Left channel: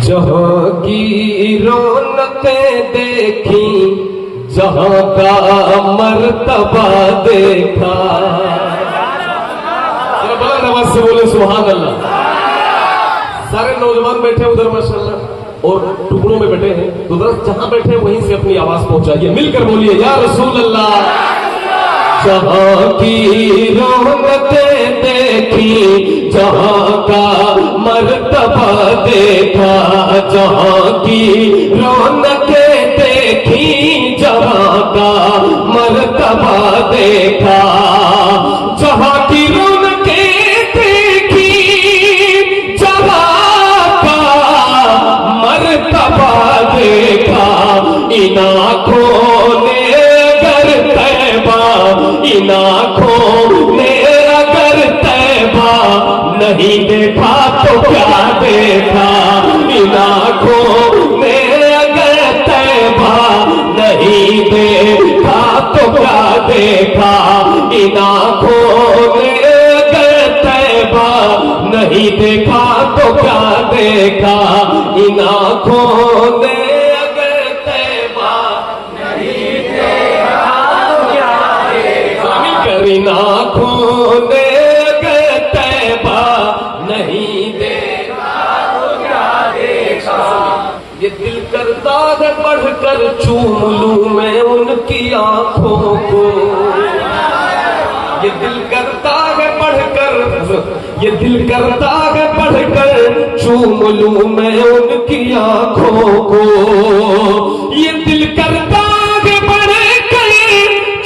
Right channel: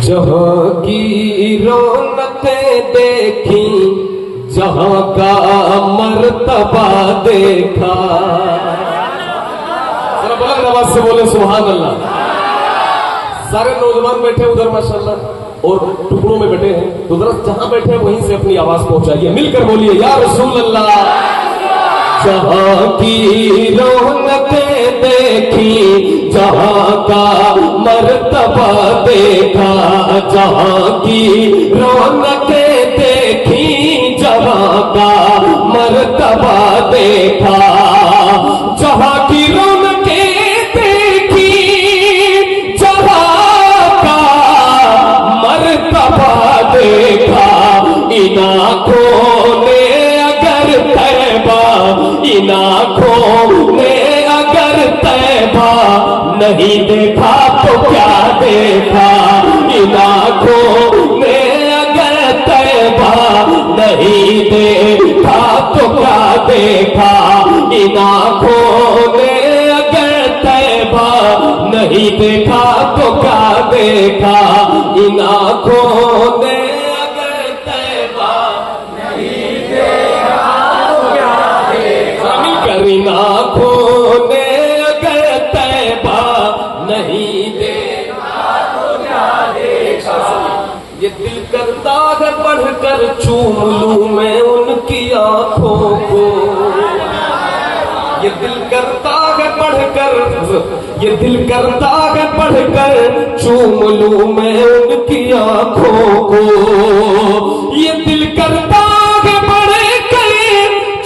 जहाँ की रौनकें देखी, जहाँ का मर्तबा देखा। जरा बुलंद आवाज से बोले सुभान अल्लाह। सारे नौजवान बैठे उधर माशाल्लाह और टुकड़ों में बैठे हैं, तो जरा जहां बैठे वहीं से अपनी आवाज पहुंचाइए, मिलकर बोलिए या रसूल अल्लाह। जहाँ की रौनकें देखी, जहाँ का मर्तबा देखा, जहाँ की रौनकें देखी, जहाँ का मर्तबा देखा, जहाँ की रौनकें देखी, जहाँ का मर्तबा देखा। इन आँखों ने अगर तैबा, इन आँखों ने अगर तैबा नहीं देखा तो क्या देखा। इन आँखों ने अगर तैबा नहीं देखा तो क्या देखा। इन आँखों ने अगर तैबा नहीं देखा तो क्या देखा। इन आँखों ने अगर तैबा नहीं देखा तो क्या देखा। मिलकर इन आँखों ने अगर तैबा नहीं देखा तो क्या देखा। ये दिल करता है बढ़कर चूम लूं मैं उनकी आँखों को। ये दिल करता है बढ़कर, ये दिल करता है बढ़कर चूम लूं मैं उनकी आँखों को। ये दिल करता है बढ़कर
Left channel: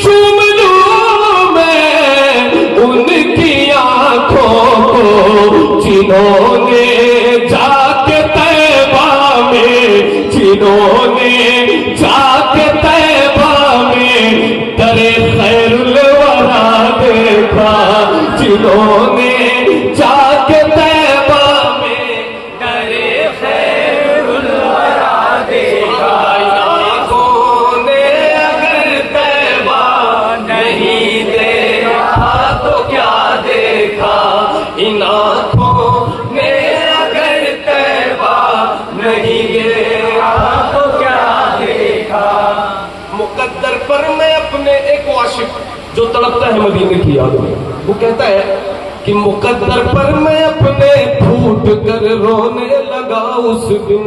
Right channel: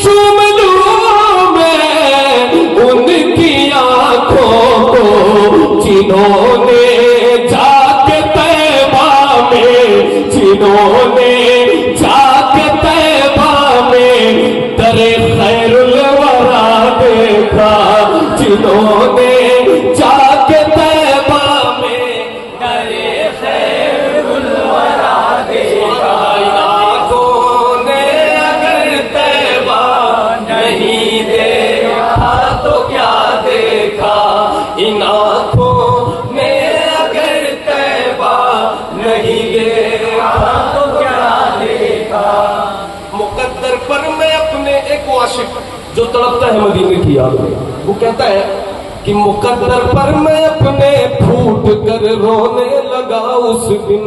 चूम लूं मैं उनकी आँखों को। जिन्होंने जाके तैबा में, जिन्होंने जाके तैबा में दरे खैरुल वरा देखा। जिन्होंने जाके तैबा में दरे खैरुल वरा देखा। आँखों ने अगर तैबा नहीं देखा तो क्या देखा। इन आँखों ने अगर तैबा नहीं देखा तो क्या देखा। मुकद्दर पर मैं अपने एक आशिक जो तड़पता है मदीने की याद में, वो कहता है कि मुकद्दर पर मैं अपने फूट कर रोने लगा उस दिन।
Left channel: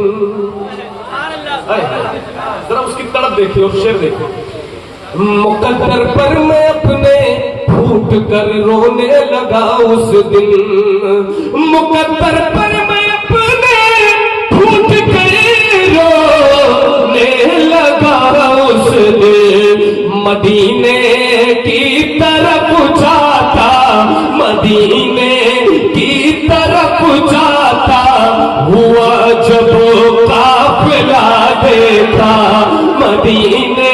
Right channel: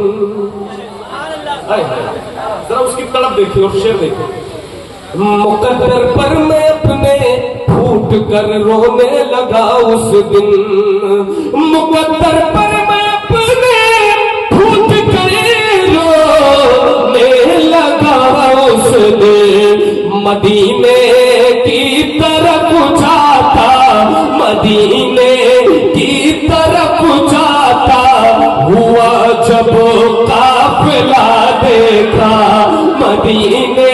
जरा उसकी तड़प देखिए और शेर देखिए। मुकद्दर पर मैं अपने फूट कर रोने लगा उस दिन। मुकद्दर पर मैं अपने फूट कर रोने लगा उस दिन। मदीने की तरफ जाता, मदीने की तरफ जाता हुआ जब काफिला देखा। मदीने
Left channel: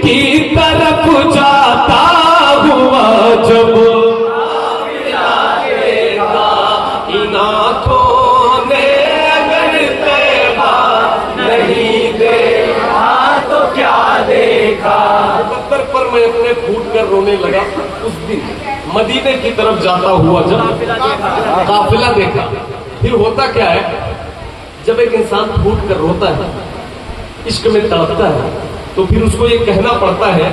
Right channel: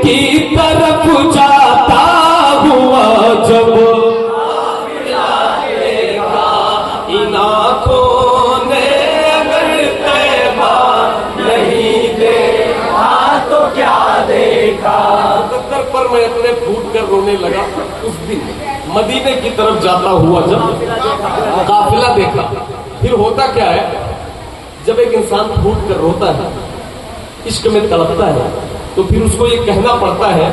की तरफ जाता हुआ जब काफिला देखा। इन आँखों ने अगर तैबा नहीं देखा तो क्या देखा। मुकद्दर पर मैं अपने फूट कर रोने लगा उस दिन। मदीने की तरफ जाता हुआ जब काफिला देखा। फिर होता क्या है, जब एक इंसान फूट कर रोता है, इश्क में तड़पता है, तो फिर उसको ये कहना पड़ता है,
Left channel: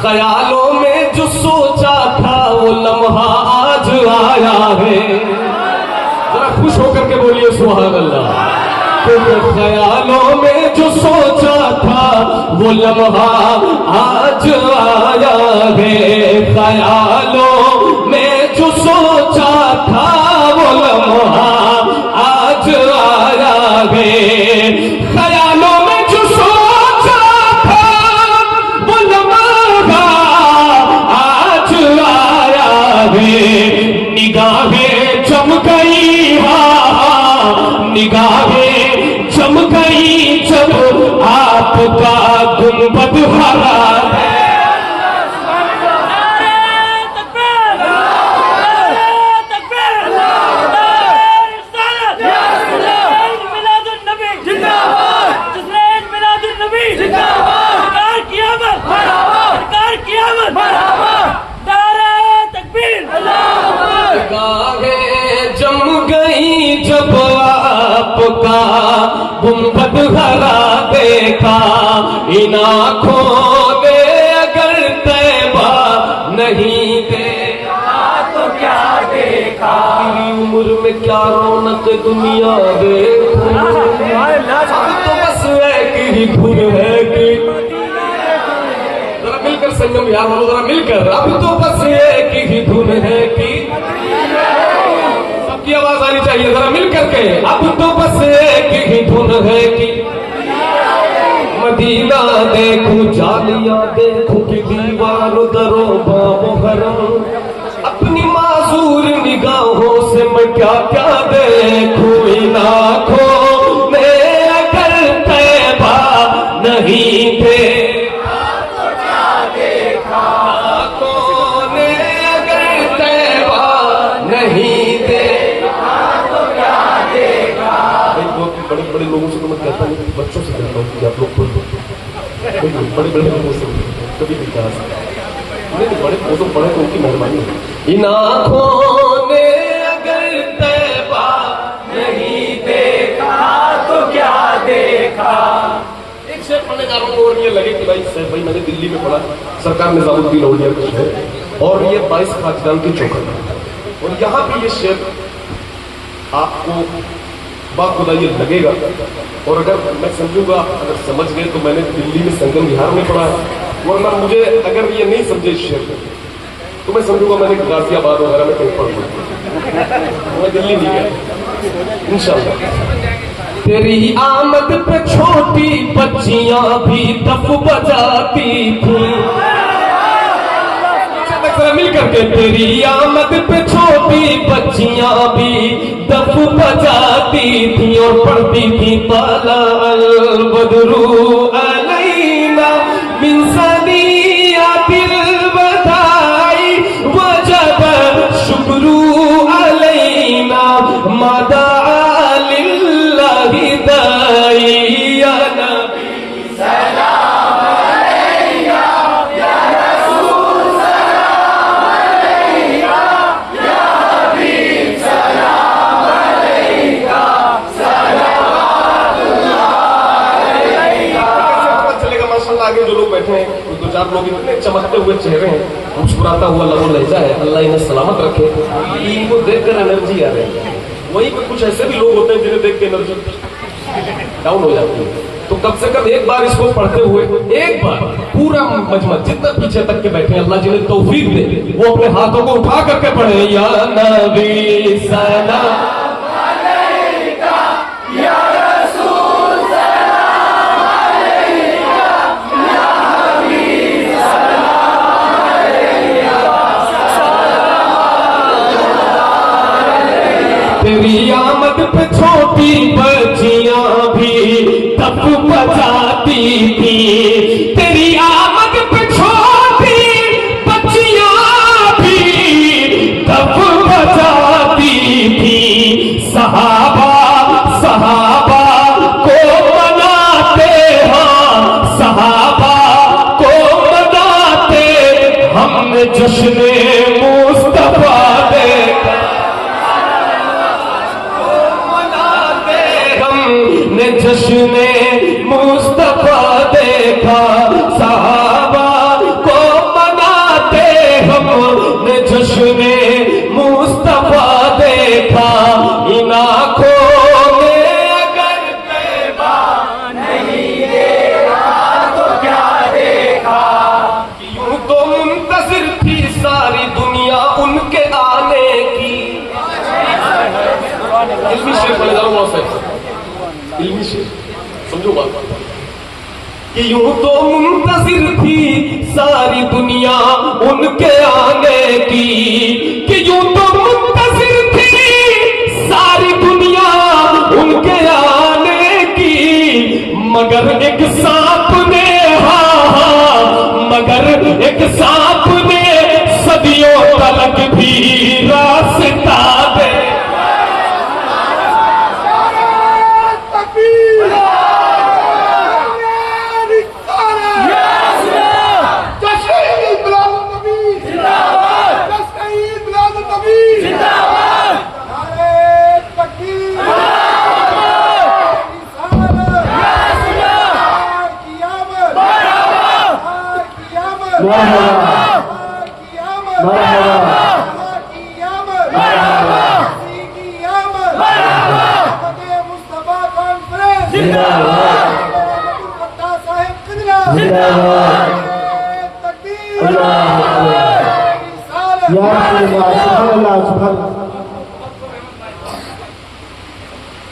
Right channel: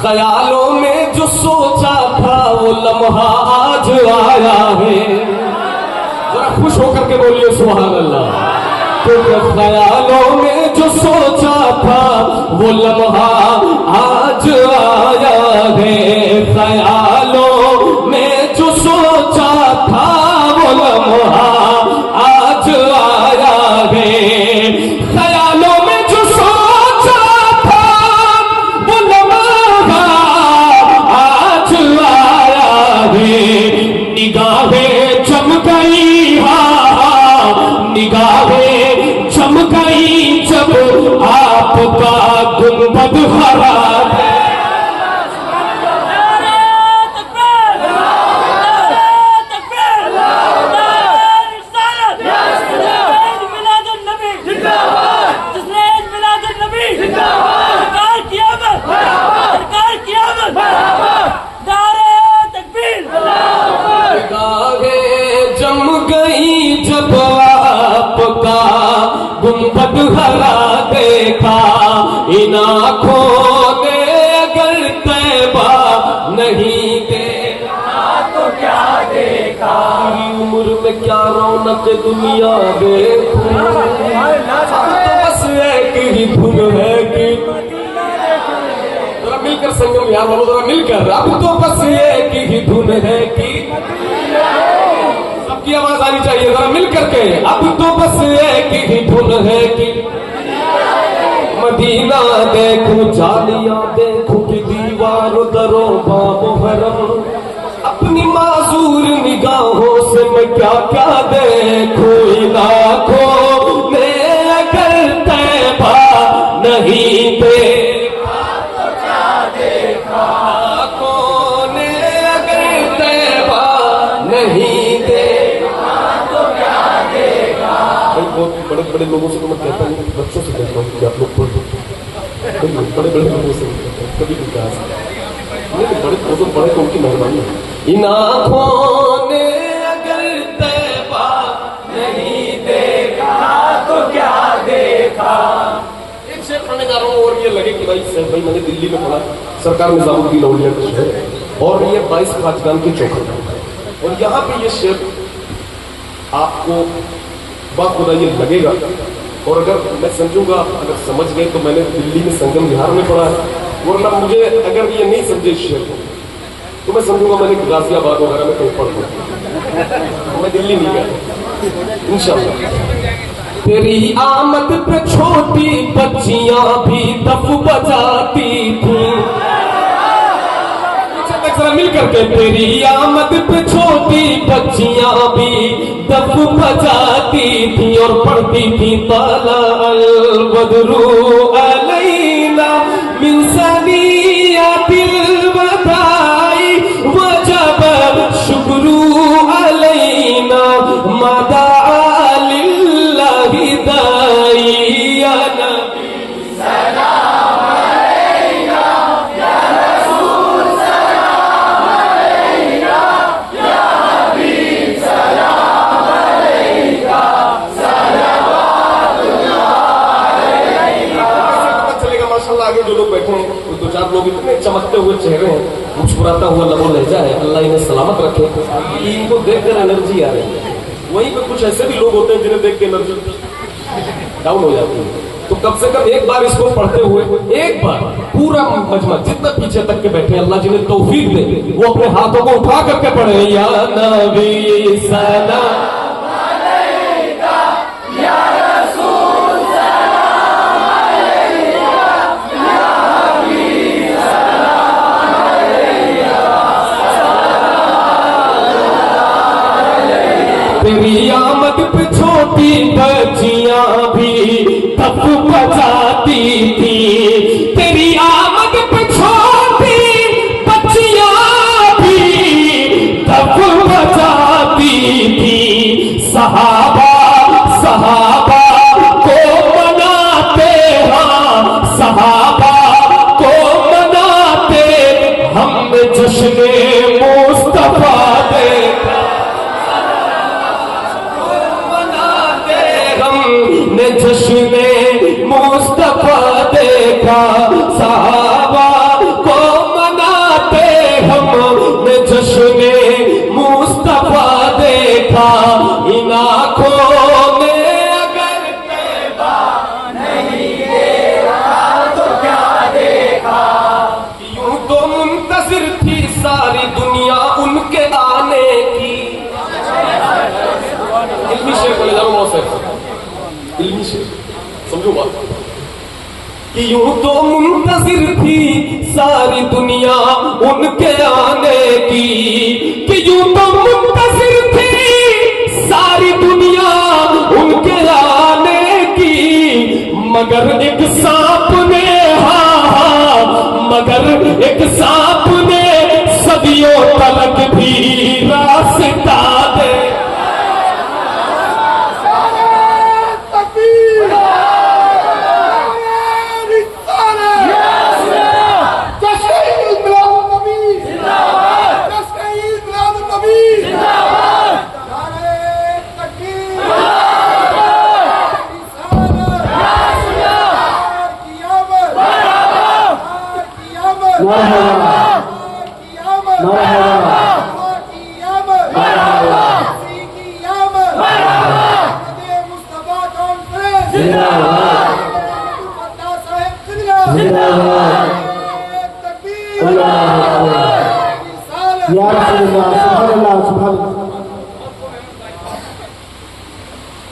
ख्यालों में जो सोचा था वो लम्हा आज आया है। जरा खुश होकर के बोलिए सुभान अल्लाह। तो ख्यालों में जो सोचा था वो लम्हा आज आया है। ख्यालों में जो सोचा था वो लम्हा आज आया है। ख्यालों में जो सोचा था वो लम्हा आज आया है। निगाहें चम गई, निगाहें चम गई जब आपका गुंबद हरा है। जम गई जब आपका गुंबद हरा देखा, इन आँखों ने अगर तैबा नहीं देखा तो क्या देखा। तेरी उम्र में क्या रौनक दुनिया देखूं, अब तो बस एक ही धुन है कि जरा मिलकर संगम विहार वालों जरा मिलकर, अब तो बस एक ही धुन है कि सबकी आवाज आनी चाहिए जरा मिलकर के, अब तो बस एक ही धुन है कि मदीना देखूं जालियां देखूं कि दीवार दरो बाबो हरम, अपनी मासूर निगाहों से मैं क्या क्या देखूं, इन आँखों में अगर तैबा नहीं देखा तो क्या देखा, आँखों ने अगर तैबा नहीं देखा तो क्या देखा। भाई बहुत बड़े बड़े लोगों से तो मैं कहता नहीं, बच्चों से कहता हूँ कि आप लोग बड़े बड़े लोगों से कभी भी कहा नहीं, बड़े वो तो बड़े तो उनकी मेहरबानी है। इन आँखों ने अगर तैबा नहीं देखा तो क्या देखा। एक शेर पढ़ने जा रहा हूँ और ये लगे कि भाई मैंने दिल्ली में पढ़ा, सरकार निजामुद्दीन औलिया का शेर, और ये 22 खाजगान की चौखट, और यहाँ पे ये शेर आपको बाखुदा ये लगेगा, और अगर मैं समझूंगा, अगर समझ गए तो मैंने दिल्ली में संगम विहार में पढ़ा है, वरना मुझे अगर ये नहीं समझे इस शेर को तो मैं समझूंगा मैंने गाजियाबाद वगैरह में कहीं पढ़ लिया, मैं दिल्ली नहीं गया इंशाल्लाह। तेरी आमद पे छोटी बच्चियां भी दफ बजाती थी, जरा मिल करके, तेरी आमद पे छोटी बच्चियां भी दफ बजाती थी और पढ़ती थी ताला अल बदरू अलैना मिन सनियातिल बधाई वजब शुक्रू अलैना मादा लिल्लाहि दाई या नबी सलाम अलैका या रसूल सलाम अलैका या हबीब सलाम अलैका सलावतुल्लाह अलैका। कैसे पता चलेगा माशाल्लाह, आगे जो लोग बैठे हैं दो चार लोग इतने चमकते हुए चेहरे हैं, मुस्कुराता हुआ लबो लहजा है, अल्लाह इन्हें सलामत रखे। इनको देखकर एनर्जी आ रही है, वहीं पे कुछ ऐसे भी लोग होते हैं जिन्हें देख के एनर्जी डाउन हो जाती है। तो कम से कम एक बार इसको पढ़ते हुए, एक बार पूरा मजमा जितना पीछे तक के बैठे अल्लाह जिन्हें तौफीक दे, वो अपने हाथों को उठा करके पढ़े, या नबी सलाम अलैका या रसूल सलाम अलैका या हबीब सलाम अलैका सलावतुल्लाह। तेरी आमद पे छोटी बच्चियां भी दफ बजाती थी, तेरी आमद पे छोटी बच्चियां भी दफ बजाती थी। सहाबा सहाबा को मनाते, हाँ सहाबा को मनाते, हमने जश्न मुस्तफा देखा, ने जश्न मुस्तफा देखा, सहाबा को मनाते हमने जश्न मुस्तफा देखा। इन आँखों ने अगर तैबा नहीं देखा तो क्या देखा। यूं तो मुंतज़िर थी सारी दुनिया उनके आने की। इल्मी शेर बोले जा रहा हूँ, इल्मी शेर समझो बात, कि यूं तो मुंतज़िर थी सारी दुनिया उनके आने की, कि यूं तो मुंतज़िर थी सारी दुनिया उनके आने की, मगर एक सांप ने, हाँ मगर एक सांप ने सदियों तलक भी रास्ता दे।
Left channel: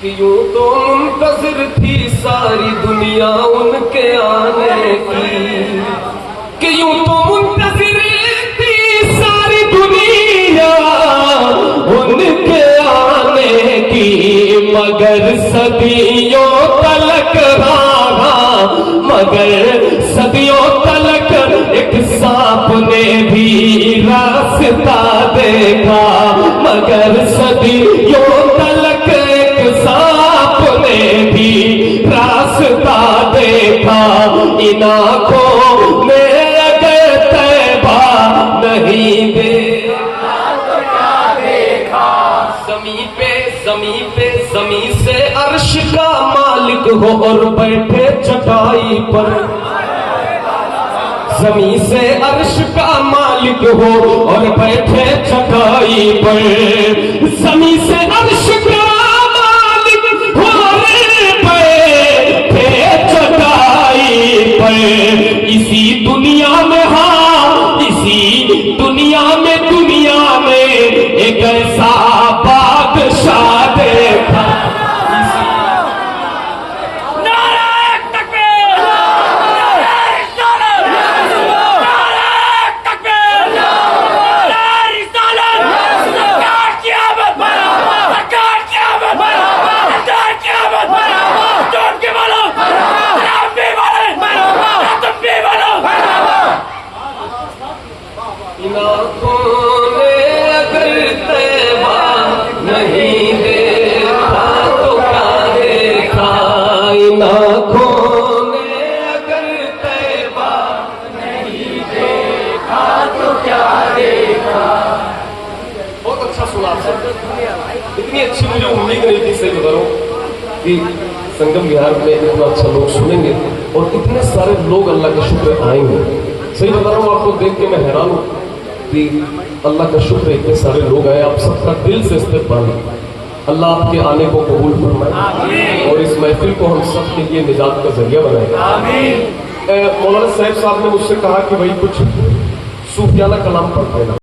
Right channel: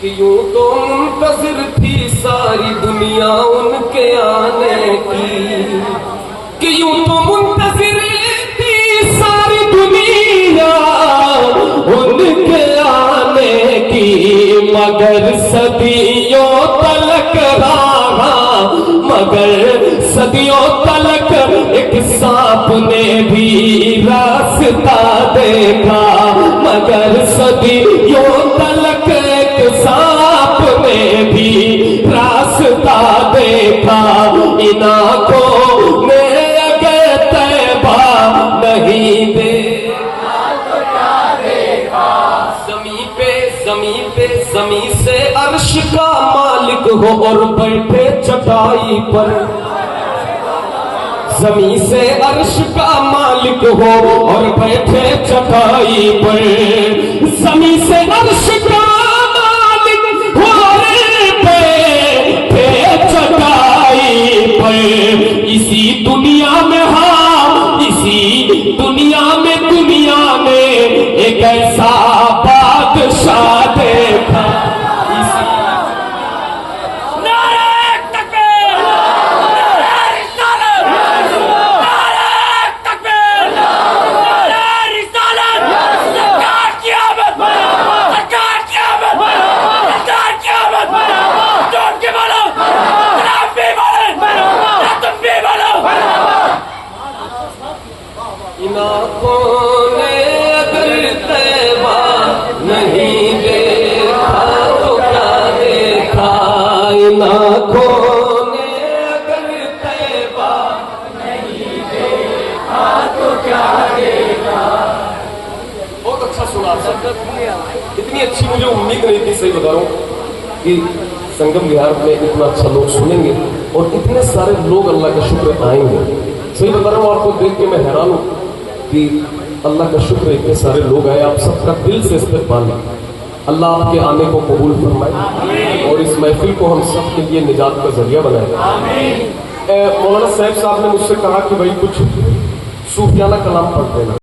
कि यूं तो मुंतज़िर थी सारी दुनिया उनके आने की, कि यूं तो मुंतज़िर थी सारी दुनिया उनके आने की, मगर सदियों तलक रहा, मगर सदियों तलक एक सांप ने भी रास्ता देखा, मगर सदियों तलक एक सांप ने भी रास्ता देखा। इन आँखों ने अगर तैबा नहीं देखा तो क्या देखा। जमी से अर्श का मालिक हो और बैठे चटाई पर, जमी से अर्श का मालिक हो और बैठे चटाई पर, जमी से अर्श का मालिक हो और बैठे चटाई पर। इसी दुनिया में, हाँ इसी दुनिया में एक ऐसा बादशाह देखा। इन आँखों ने अगर तैबा नहीं देखा तो क्या देखा। इन आँखों ने अगर तैबा नहीं देखा तो क्या देखा। बहुत अच्छा सुना आप सब, इतनी अच्छी मुझे उम्मीद नहीं थी, सही बता रहा हूँ कि संगम विहार में इतना अच्छा लोग सुनेंगे और इतने सारे लोग अल्लाह का शुक्र आएंगे। सही बता रहा हूँ, आपको देख के मैं हैरान हूँ कि अल्लाह का शुक्र इतने सारे लोग आए। आप सबका दिल से इस्तकबाल, अल्लाह आपके आने को कबूल फरमाए और इस महफिल को हम सब के लिए निजात का जरिया बनाए। मौलाना साहब ने मुझसे कहा कि भाई कुछ सूफियाना कलाम पढ़ देना।